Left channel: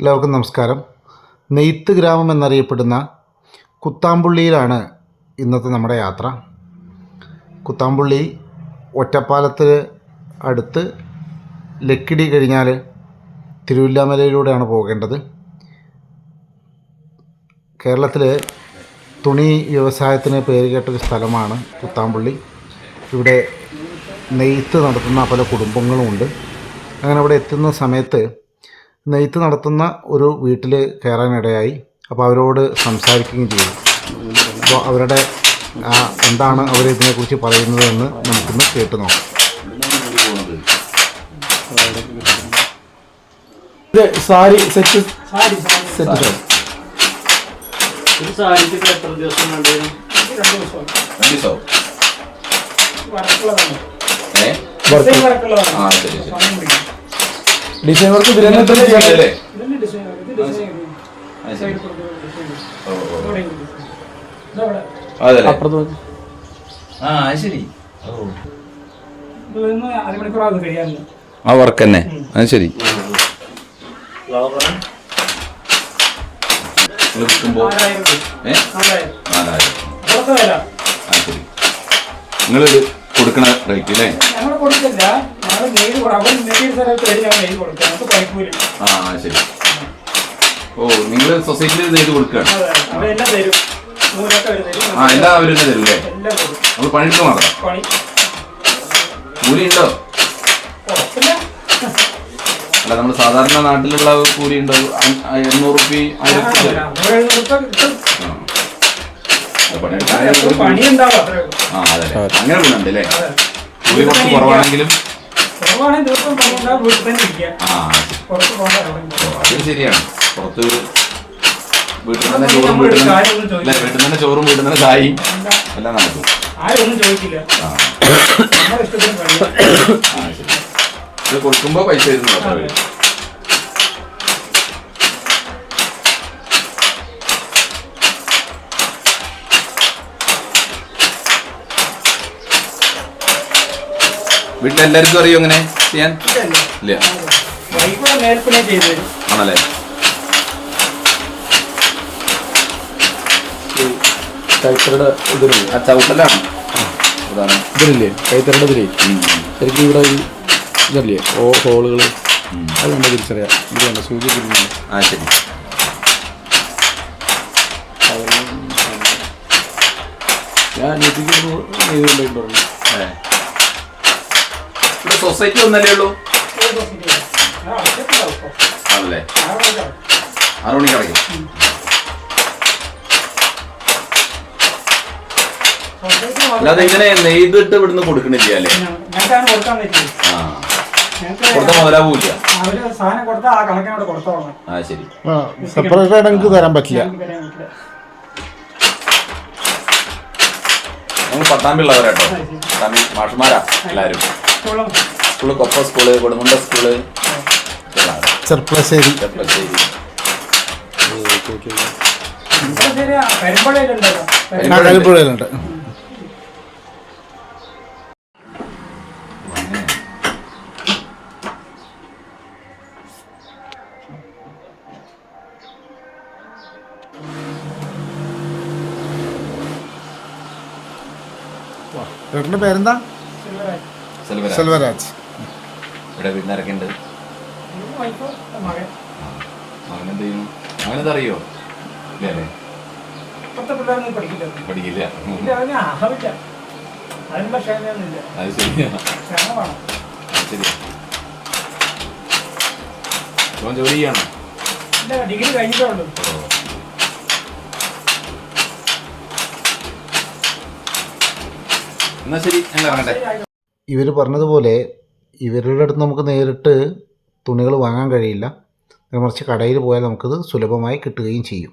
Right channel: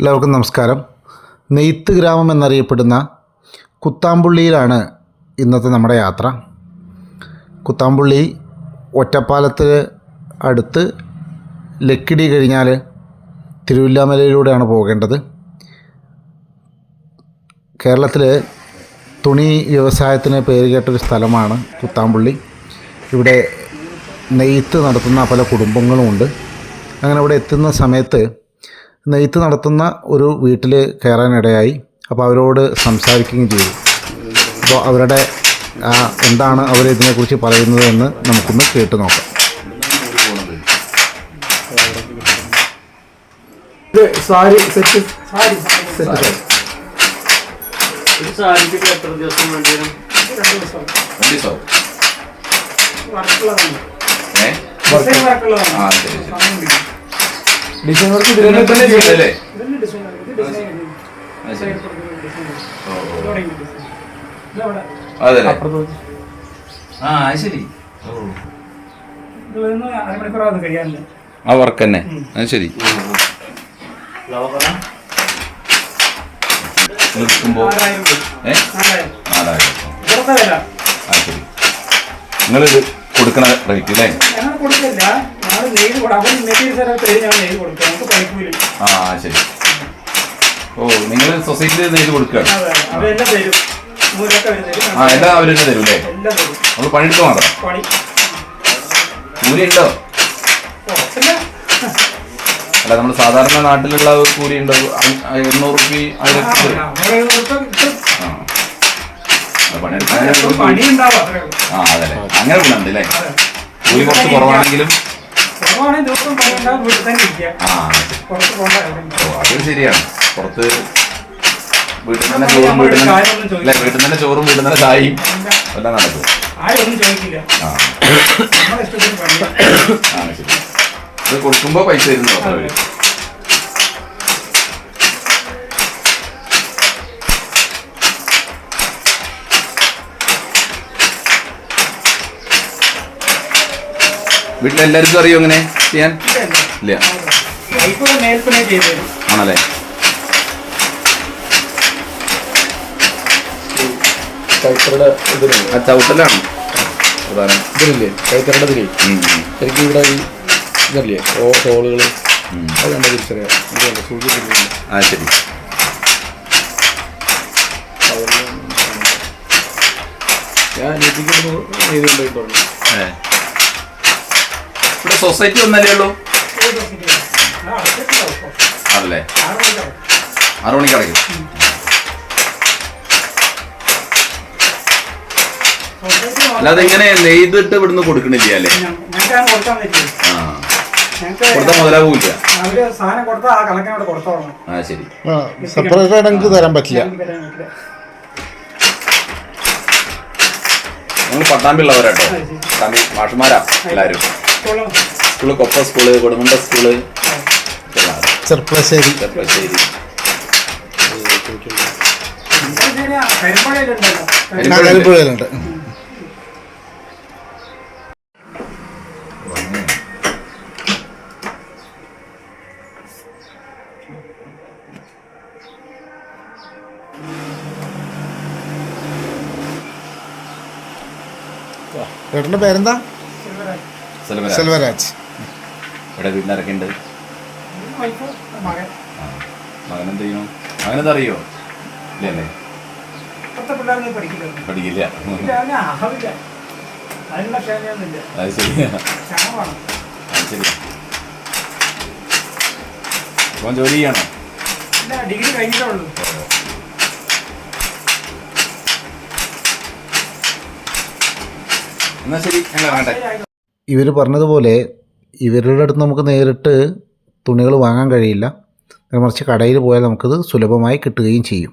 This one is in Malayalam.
എല്ലാവർക്കും നമസ്കാരം. നെയ്ത്ത് ഗ്രാമം എന്നറിയപ്പെടുന്ന കുത്താമ്പുള്ളിയിലാണ് ഇന്നത്തെ നമ്മുടെ യാത്ര. കുത്താമ്പുള്ളി ഒറ്റപ്പാലത്ത് അടുത്ത് ലക്കിടി കഴിഞ്ഞാൽ തിരുവില്ലാമലയിലൂടെയാണ് പോകേണ്ടത്. കേരളത്തിലെ തുണി വ്യവസായത്തിന് പേരുകേട്ടൊരു സ്ഥലമാണ് കുത്താമ്പുള്ളി. ഇവിടെ നെയ്ത്ത് നടത്തുന്ന പല കുടുംബങ്ങളുമുണ്ട്. അങ്ങനെ അവിടെ എത്തുന്ന സമയത്ത് നെയ്ത്ത് നടത്തുന്ന ഒരു വീട്ടിൽ കയറാനിടയായി. അപ്പോൾ അവരോട് സംസാരിക്കുകയും ചെയ്തു. അപ്പോൾ അവരുടെ എന്താണ് അവർ ഇതിനെക്കുറിച്ച് പറയുന്നത് എന്ന് നമുക്കൊന്ന് കേട്ട് നോക്കാം. ഇത് സാരി സെറ്റ് സാരി സെറ്റ് സാരിക്ക് എത്ര ദിവസം വേണ്ടി വരും? രണ്ട് ദിവസം. രണ്ടീസോ? വർക്കുള്ളതാണ്. ഏ? ഡിസൈൻ വർക്കുള്ളതാണ് ആ, ശരി, ശരി. ഡിസൈൻ വർക്ക് ചെയ്യല്ലേ? ഇതന്നെ ഡിസൈൻ അതല്ലേ? ആ, അത് ശരി. ആ വർക്ക് തന്നെ. അത് ശരി. നിങ്ങളിത് കൊടുക്കണ റേറ്റ് അല്ലേ കൊടുക്കില്ല ആ ശരി. ഓ നിങ്ങൾ സൊസൈറ്റിയിൽ നെയ്ത് കൊടുക്കുകയാണ് ആ. എല്ലാം അവർ തന്നെ തരും അല്ലേ? നമ്മൾ പണിയെടുത്ത് മാത്രം. കൂലി ഉണ്ടോ? അല്ല നമ്മൾ സാധാരണ നാട്ടിലുള്ള കൂലി ഉണ്ടോ? എണ്ണൂറ് റുപ്പി ആയിരത്തി പണിയെടുക്കാൻ ആ. അതെ അങ്ങനെ ഗുണമുണ്ട് അല്ലേ. കൂലി കുറച്ച് കുറവാണെങ്കിലും ഓ, ശരിയാണ്. പുറത്ത് വീട്ടിൽ തന്നെ ചോറും വീട്ടിൽ തന്നെ വീട്ടിൽ തന്നെ ചോറും വീട്ടിൽ തന്നെ ചായയും എല്ലാം നടക്കും. ഇത് കൊടുക്കുമ്പോ പൈസ തരുന്നു വീട്ടിലെല്ലാവർക്കും അറിയോ ഇങ്ങനെ ചെയ്യാൻ? ഇല്ല. ആണല്ലേ? ഇതില്ലേ ആ ചവിട്ടലാണ്. പ്രധാനം ഇതിലില്ലേ? കൈത്തറയുടെ ഇതിലേ? ഉം, ഉം, ശരിക്കും ഇവിടെ ഈ ഇതല്ലേ? ഓ ഹോളുകൾ ഉം. അത് കണ്ട് തിരിച്ചറിയാം. ഇതുണ്ട്? സൂചി തിരിഞ്ഞില്ല ആ ശരി. ഞാൻ. സൊസൈറ്റി ഒന്നല്ലേ ഉള്ളൂ. ആണല്ലേ ആറ് മണിക്ക് അടയ്ക്കും അല്ലാതെ ഇങ്ങനെ നെയ്തിട്ട് ഇവിടുന്ന് കൊടുക്കണില്ല അല്ലേ? സെപ്പറേറ്റ് ആയിട്ട് തരാൻ പറ്റില്ല. എനിക്ക് തരാൻ പറ്റില്ല. ഞങ്ങൾ പട്ടാമ്പിള്ളവരാട്ടോ പട്ടാമ്പി മാഷുമാരാ എല്ലാവരും. സ്കൂളും, കൊപ്പ സ്കൂൾ കൊടുമുണ്ട സ്കൂൾ. ചെർപ്പളശ്ശേരി. ചെർപ്പളശ്ശേരി. കരിപ്പുഴയിലുണ്ട് പേരെന്താ. സെൽവരാജ്. ഇവിടെ വീട്ടിനിറക്കി ഉണ്ട്. മകനെന്ത് അറിയോ? പഠിക്കില്ല. അത് ശരിയാ. അത് ശരി ഇപ്പം ജോലി ചെയ്യണം? ഇല്ല ഡിഗ്രി കഴിഞ്ഞിട്ടേ ഉള്ളൂ. എന്നാ ശരി ഞങ്ങൾ ശരിയായി. ഇവർ പറഞ്ഞതുപോലെ ഇവരുടെ അടുത്ത് നമുക്ക് നേരിട്ട് തുണികൾ വാങ്ങാൻ കഴിയില്ല. മറിച്ച് കടയിൽ പോയാൽ നമുക്കത് സുലഭമായി കിട്ടുകയും ചെയ്യും.